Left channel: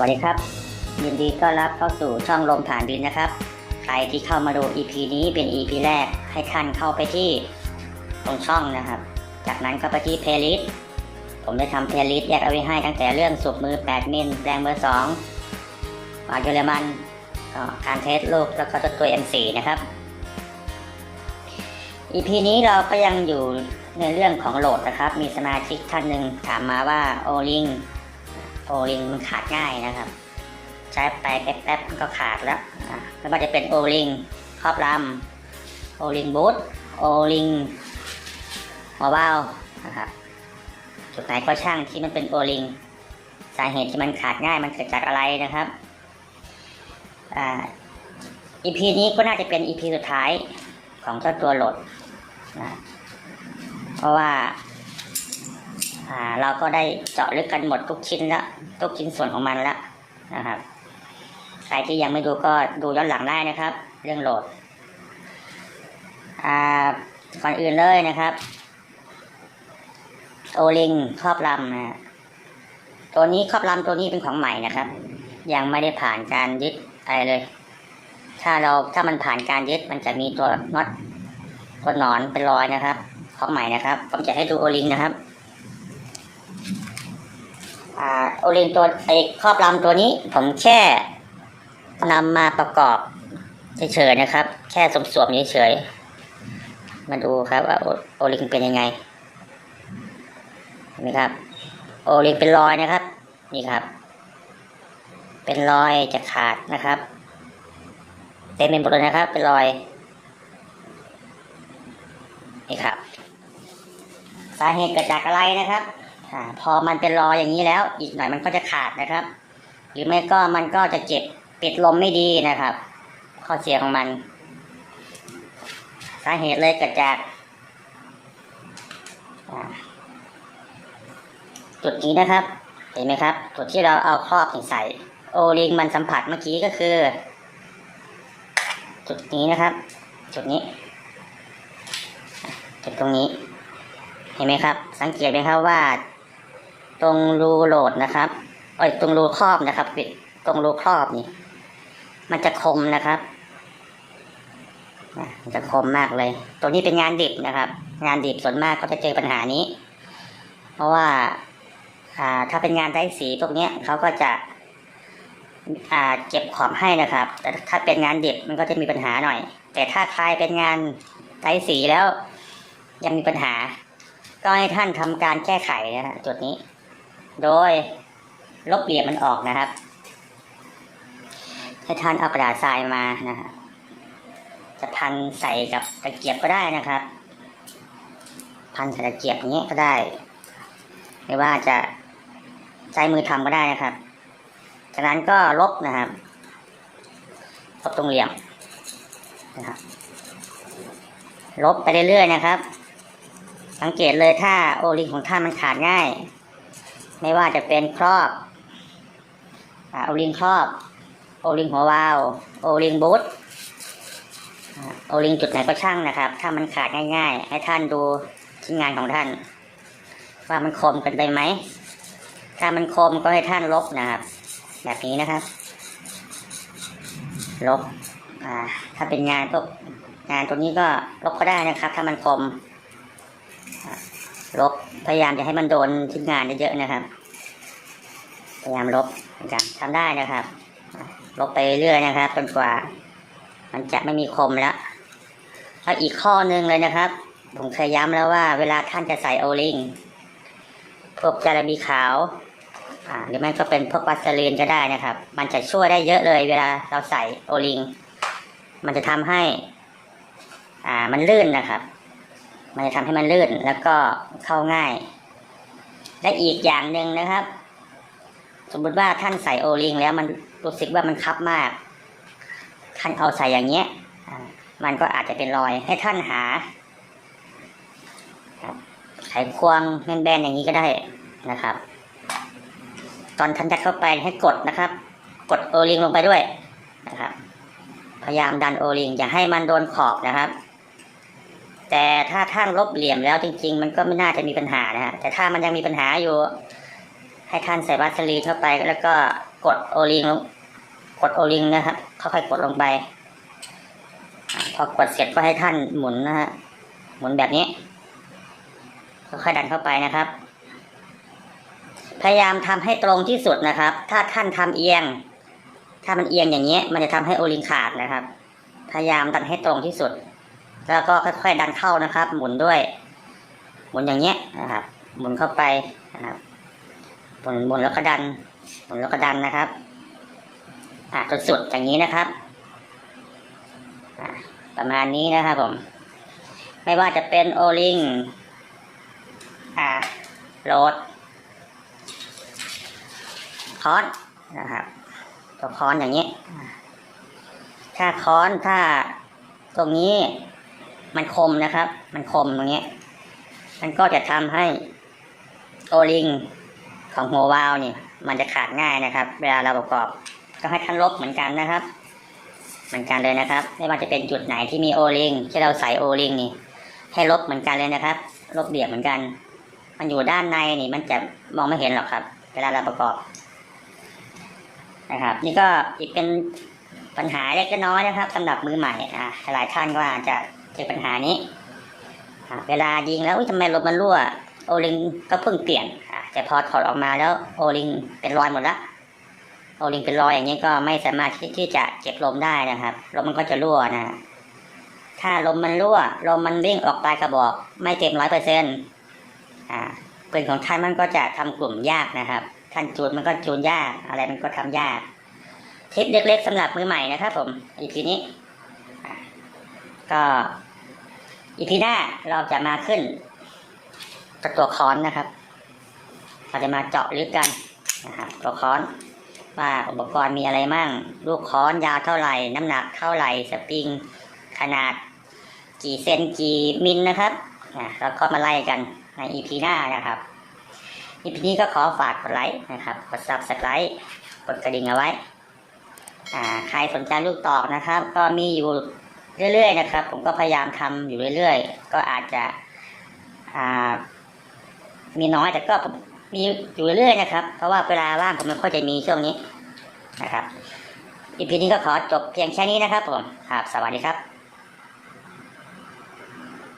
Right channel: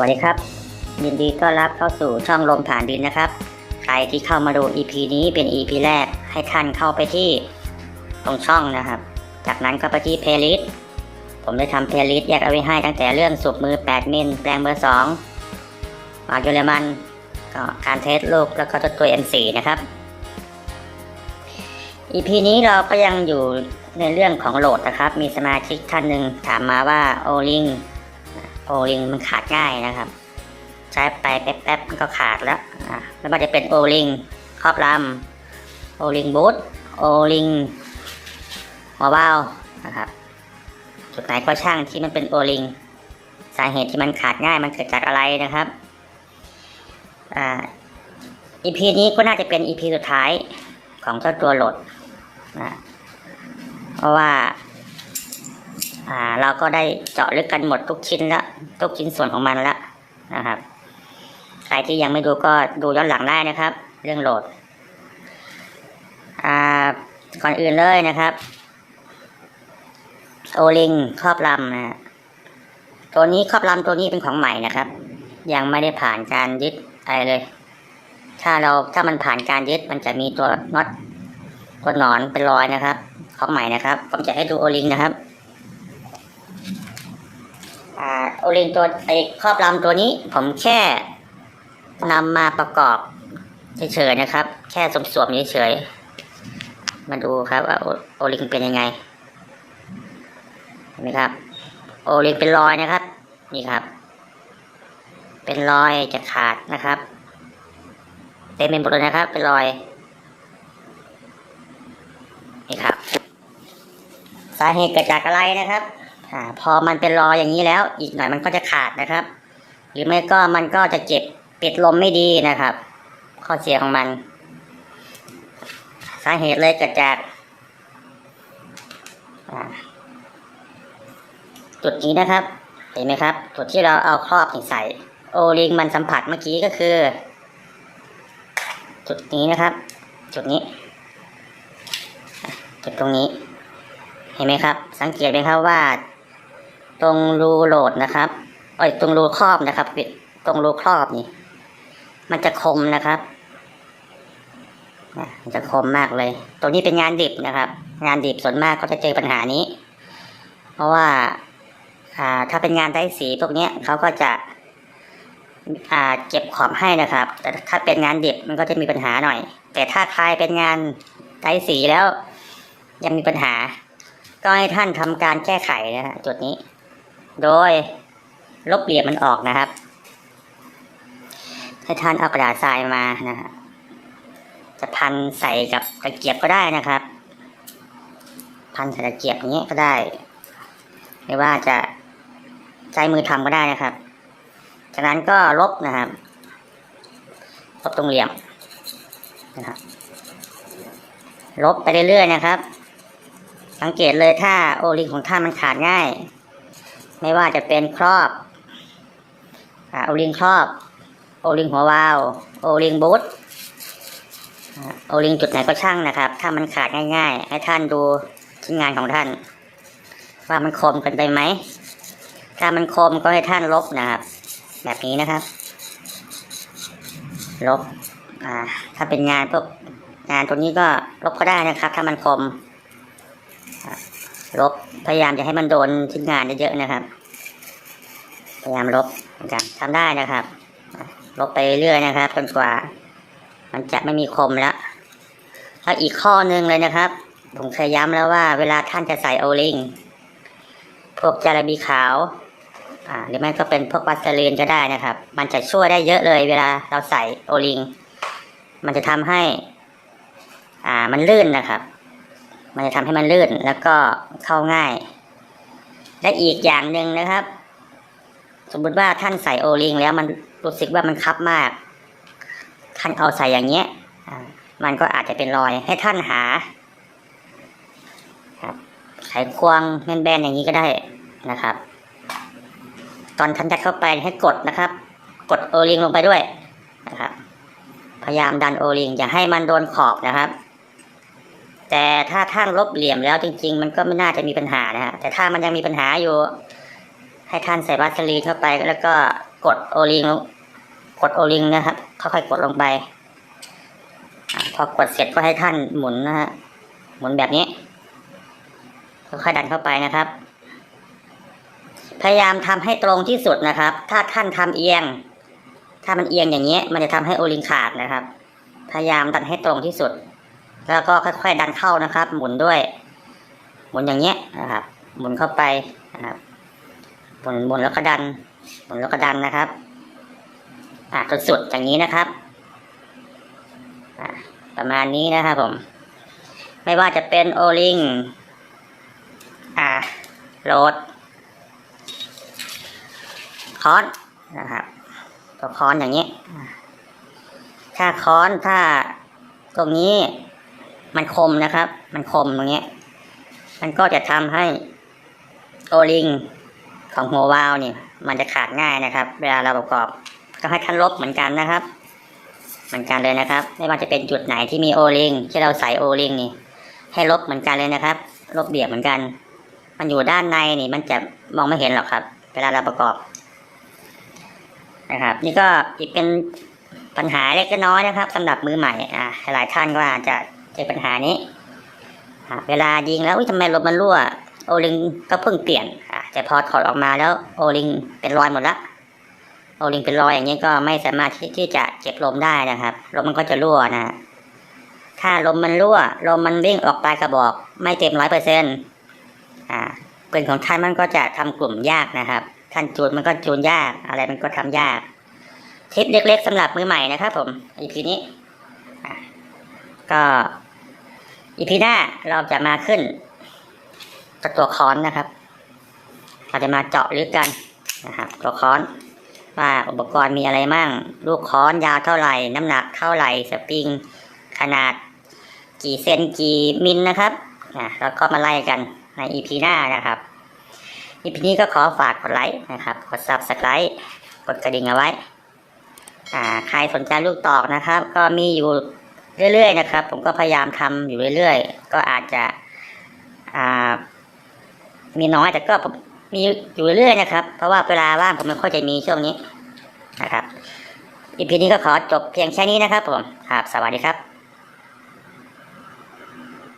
วัสดีครับ ยินดีต้อนรับเข้าสู่ช่องลมผ่านดินนะครับ ใครที่เข้ามาดู EP นี้เป็น EP แรกให้ท่านเข้าไปที่ตรงช่องนะครับ จากนั้นก็ไปที่ playlist ผมได้ทำ playlist แยกเอาไว้ให้ตั้งแต่เรื่องสูบมือ 8 มิลแปลงเบอร์2หมากเยอรมันก็การเทสลูกแล้วก็ตัวตัว M4 นะครับ EP นี้เราก็ยังอยู่ในเรื่องของโหลดนะครับ มีสมาชิกท่านหนึ่งถามมาว่าโอลิง โอลิงมันขาดง่ายนะครับ ใช้ไปแป๊บๆมันก็ขาดแล้วนะไม่ว่าจะเป็นโอลิงครอบลำโอลิงบูทโอลิงหัวเบานะครับจุดไหนก็ช่างที่มันเป็นโอลิงสาเหตุที่มันขาดง่ายมันเกิดจากอะไรนะครับอ่า EP นี้ก็น่าจะเป็น EP สุดท้ายของเจ้าตัวโหลดนะเพราะว่า อ่าเราก็ได้เจาะลึกกันหมดทุกชิ้นละทุกชิ้นส่วนของมันละนะครับ ใครที่ยังไม่ดูก็ดูย้อนหลังได้นะครับ เรื่องโหลดอ่าก่อนอื่นเลยนะครับ โอลิงครอบลำนะฮะตัวนี้ครอบลำตัวนี้เป็นของใหม่นะครับ ยังไม่ได้ผ่านการยึดอะไรเลย ถ้าเราถ้ามันผ่านการยึดมันจะมีตัวน็อตตัวหนอนเป็นรอยนะครับ ของใหม่นะครับผมจะให้ดูโอลิงนะครับ อ่า โอลิงตัวไอครอบลำตัวนี้ ผมแค่นำมาประกอบเฉยๆนะครับ แค่สวมๆเฉยๆมาดูครับว่าโอลิงเป็นยังไงเห็นไหมครับ โอลิงเป็นรอยนะครับ นี่ครับ เป็นรอยจะขาดนะครับเต็มเป็นหมดเลยนะครับ เป็นรอย นี่ครับ สาเหตุเกิดจากอะไรนะครับ อาพอมันเป็นรอยอย่างนี้แล้ว อีกหน่อยมันก็จะขาดนะครับ หรือไม่ก็มันก็จะเจ็บปิดลมไม่ดีนะครับ ข้อเสียของมัน สาเหตุเลยเกิดจากจุดนี้นะครับ เห็นไหมครับจุดที่เราเอาครอบใส่โอลิงมันสัมผัสเมื่อกี้ก็คือ จุดนี้นะครับ จุดนี้ จุดตรงนี้ เห็นไหมครับ สังเกตไหมครับว่า ตรงรูโหลดนะครับเอ้ยตรงรูครอบนะครับตรงรูครอบนี่ มันจะคมนะครับมันจะคมมากเลย ตรงนี้เป็นงานดิบนะครับ งานดิบส่วนมากก็จะเจอปัญหานี้ เพราะว่าถ้าเป็นงานได้สีพวกนี้เขาก็จะเก็บขอบให้นะครับ แต่ถ้าเป็นงานดิบมันก็จะมีปัญหาหน่อย แต่ถ้าทายเป็นงานได้สีแล้ว ยังมีปัญหา ก็ให้ท่านทำการแก้ไขนะจุดนี้ โดยลบเหลี่ยมมันออกนะครับให้ท่านเอากระดาษทรายมานะฮะจะพันใส่กับตะเกียบก็ได้นะครับ พันใส่ตะเกียบอย่างนี้ยก็ได้ หรือว่าจะใช้มือทำก็ได้นะครับ จากนั้นก็ลบนะครับลบตรงเหลี่ยมนะครับลบไปเรื่อยๆนะครับ สังเกตเลยถ้าโอลิงของท่านมันขาดง่าย ไม่ว่าจะเป็นครอบโอลิงครอบ โอลิงหัววาล์วโอลิงบูทโอลิงจุดไหนก็ช่างนะครับ ถ้ามันขาดง่าย ๆ ให้ท่านดูชิ้นงานของท่าน ว่ามันคมกันไปไหม ถ้ามันคมก็ให้ท่านลบนะครับ แบบนี้นะครับ ลบถ้าเป็นงานพวกงานตัวนี้ก็ลบก็ได้นะครับ ถ้ามันคม ลบพยายามจะให้มันโดนชิ้นงานเยอะๆนะครับ พยายามลบจะครับทำได้นะครับ ลบไปเรื่อยๆนะครับจนกว่า มันจะไม่มีคมแล้วแล้วอีกข้อหนึ่งเลยนะครับ ผมเคยย้ำแล้วว่า เวลาท่านจะใส่โอลิงพวกจาระบีขาวหรือไม่ก็เป็นพวกวัสลีนก็ได้นะครับ มันจะช่วยได้เยอะเลยเวลาเราใส่โอลิง มันจะทำให้ อ่า มันลื่นนะครับ มันจะทำให้มันลื่นแล้วก็เข้าง่าย และอีกอย่างหนึ่งนะครับ สมมุติว่าท่านใส่โอลิงแล้วมันรู้สึกว่ามันคับมาก ท่านเอาใส่อย่างเงี้ยมันก็อาจจะเป็นรอยให้ท่านหาไขควงแบนๆอย่างนี้ก็ได้นะครับ ตอนท่านจะเข้าไปให้กดนะครับ กดโอลิงลงไปด้วยนะครับ พยายามดันโอลิงอย่าให้มันโดนขอบนะครับ แต่ถ้าท่านลบเหลี่ยมแล้วจริง ๆ มันก็ไม่น่าจะมีปัญหานะฮะแต่ถ้ามันยังมีปัญหาอยู่ ให้ท่านใส่วัสลีนเข้าไปแล้วก็กดโอลิงกดโอลิงนะครับค่อยๆกดลงไปพอกดเสร็จก็ให้ท่านหมุนนะฮะหมุนแบบนี้ค่อยๆดันเข้าไปนะครับ พยายามทำให้ตรงที่สุดนะครับ ถ้าท่านทำเอียง ถ้ามันเอียงอย่างนี้ มันจะทำให้โอลิงขาดนะครับ พยายามดันให้ตรงที่สุด แล้วก็ค่อยๆดันเข้านะครับ หมุนด้วย หมุนอย่างเงี้ยนะครับ หมุนเข้าไปนะครับหมุนหมุนแล้วก็ดัน หมุนแล้วก็ดันนะครับ อ่าจนสุดอย่างนี้นะครับประมาณนี้นะครับผม ไม่ว่าจะเป็นโอลิงอ่าโหลดคอนนะครับตัวคอนอย่างนี้ ถ้าคอนถ้าตรงนี้ มันคมนะครับ มันคมตรงนี้ มันก็จะทำให้โอลิงของหัววาล์วนี่ มันจะขาดง่ายนะครับ เวลาเราประกอบก็ให้ท่านลบเหมือนกันนะครับ เหมือนกันเลยนะครับ ไม่ว่าจะเป็นจุดไหนที่มีโอลิงที่เราใส่โอลิงนี่ ให้ลบเหมือนกันเลยนะครับ ลบเบียบเหมือนกัน มันอยู่ด้านในนี่ มันจะมองไม่เห็นหรอกครับ เวลาเราประกอบ นะครับ นี่ก็อีกเป็นปัญหาเล็กน้อยนะครับสำหรับมือใหม่อ่าหลายท่านก็อาจจะ เจอปัญหานี้ เวลายิงแล้วทำไมลมมันรั่ว โอลิงก็เพิ่งเปลี่ยนแต่พอถอดออกมาแล้วโอลิงเป็นรอยหมดละโอลิงเป็นรอยอย่างนี้ก็ไม่สามารถที่ทจะเก็บลมได้นะครับลมมันก็จะรั่วนะ ถ้าลมมันรั่วลมมันวิ่งออกปลายกระบอก ไม่เต็มร้อยเปอร์เซ็นต์อ่าปืนของท่านมันก็จะทำกลุ่มยากนะครับท่านจูนมันก็จูนยากอะไรมันก็ทำยากทิปเล็กๆสำหรับมือใหม่นะครับ ผมอีพีนี้ก็ อีพีหน้าเราจะมาขึ้นกับตัวค้อนนะครับเราจะมาเจาะลึกกันนะครับตัวค้อนว่าอุปกรณ์มีอะไรมั่ง ลูกค้อนยาวเท่าไหร่ น้ำหนักเท่าไหร่สปริง ขนาด กี่เซนกี่มิลนะครับอะแล้วก็มาไล่กันในอีพีหน้านะครับอีพีนี้ก็ขอฝากกดไลค์นะครับกด subscribe กดกระดิ่งเอาไว้ใครสนใจลูกตอกนะครับ ก็มีอยู่ เรื่อยๆนะครับ ผมก็พยายามทำอยู่เรื่อยๆ ก็อาจจะมีน้อยแต่ก็มมีอยู่เรื่อยๆนะครับ เพราะว่าเวลาว่างผมไม่ค่อยจะมีช่วงนี้นะครับอีพีนี้ก็ขอจบเพียงแค่นี้นะครับผมครับสวัสดีครับ